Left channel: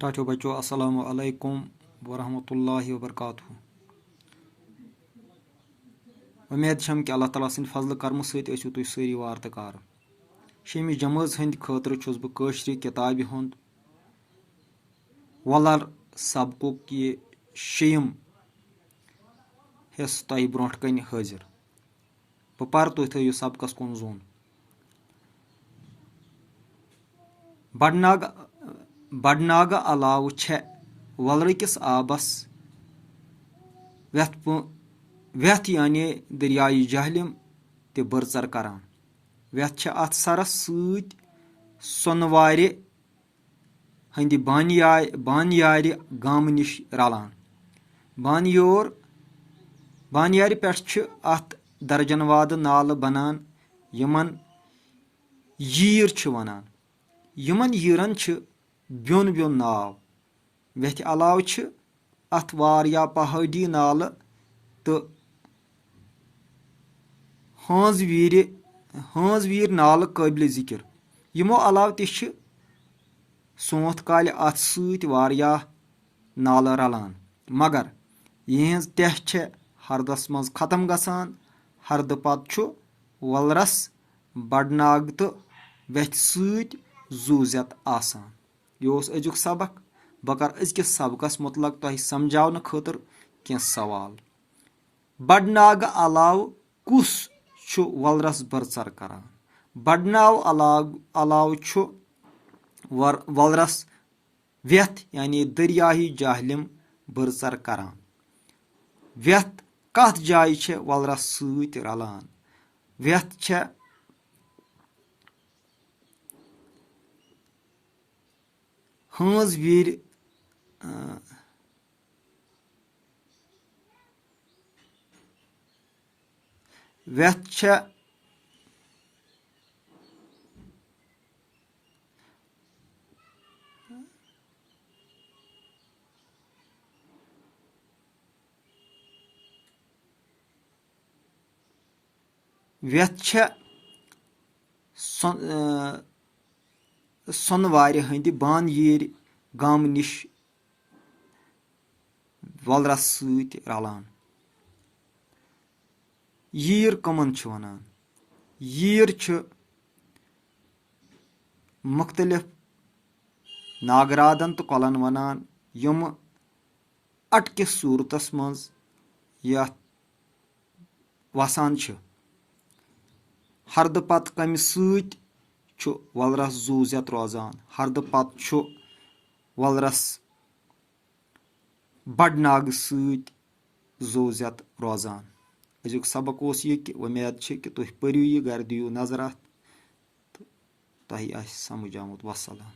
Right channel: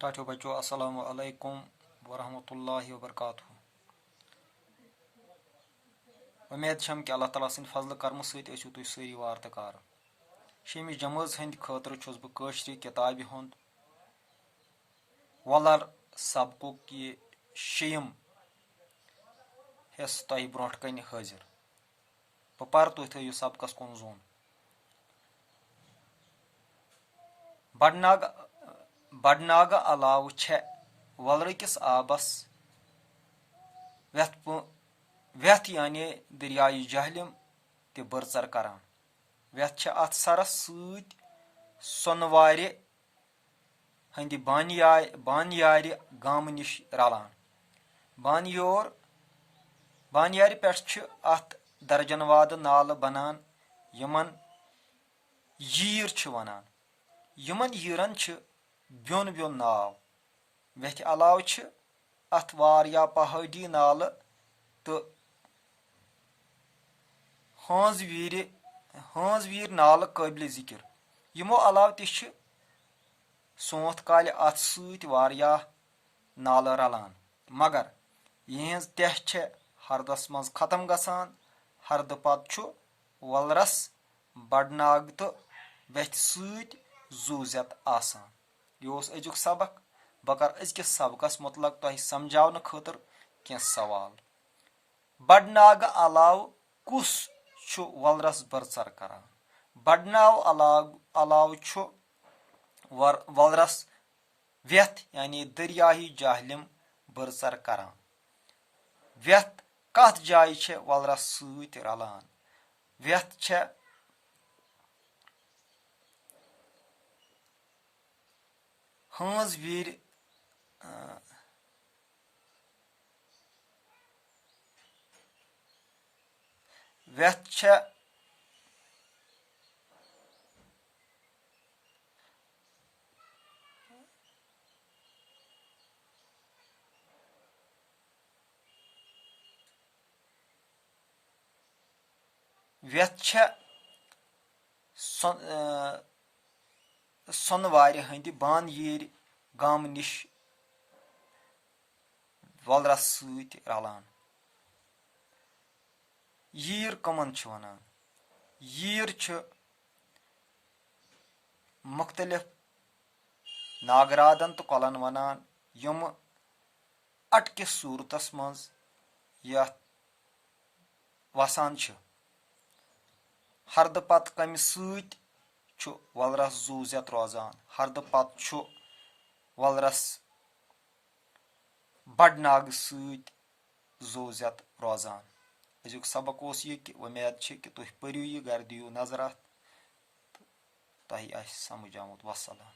टाटो बच्चों अस्सलामु अलैकुम वरहमतुल्लाहि वबरकातुहू। उम्मीद छम कि अल्लाह ताला सन्द फजल करम सहित ऐसो तुम सारी वार तो कार। शेमि जमाज हंद खतर छुस बह कशरि किताबि हुंद वलर सबकुक ये शेयम हिस्स तह ब्रोह कन हाजिर। बह पर तुह थो सबकस कुन जोन। बड़नाग अलाव छे वलरकिस आबस व्यथ यानी दरियाई जहलिम ते बरसर करान। व्यथ छे अथ सरस सत सोनवार हंद बानियार गाम निश रलान। बानियार पे अथ दर्जन वाद नाल बनान यमन यीर वनान। यमन यीरन ब्योन ब्योन नाव। व्यथ अलाव अथ वारिया पहाड़ी नाल तो हंज वीर नाल काबिल जिक्र। यमो अलाव ते सोंथ काल अथ सत वारियाह नाल रलान, मगर यहज तह छे हरदस मज खत्म गसान। हरद पत वलरस बड़नाग तो व्यथ सत जूजत आसान। यह अजुक सबक। बह कर अजकिस सबकस मुतलक तह समझावन खतर कह सवाल। बड़नाग अलाव कुस वलरस बरसर करान? बड़नाव अलाव वलरस व्यथ यानी दरियाही जहलिम बरसर करान। व्यथ कथ जाय छे वलरस सत रलान? व्यथ छे हंज वीर व्यथ छे सोनवार हंद बानियार गाम निश वलरस सत रलान। यीर कमन वनान? यीर मुख्तलिफ नागरादन तो कलन वनान यम अटकिस सूरतस मज वसान। हरद पत कम सत वलरस जूजत रोजान। हरद पत वलरस बड़नाग सत जूजत रोजान। अजुक सबक ओस यह कि उम्मीद कि तुह परू यह गर दियो नजर अथ तह आस समझ आमुत। वसलाम।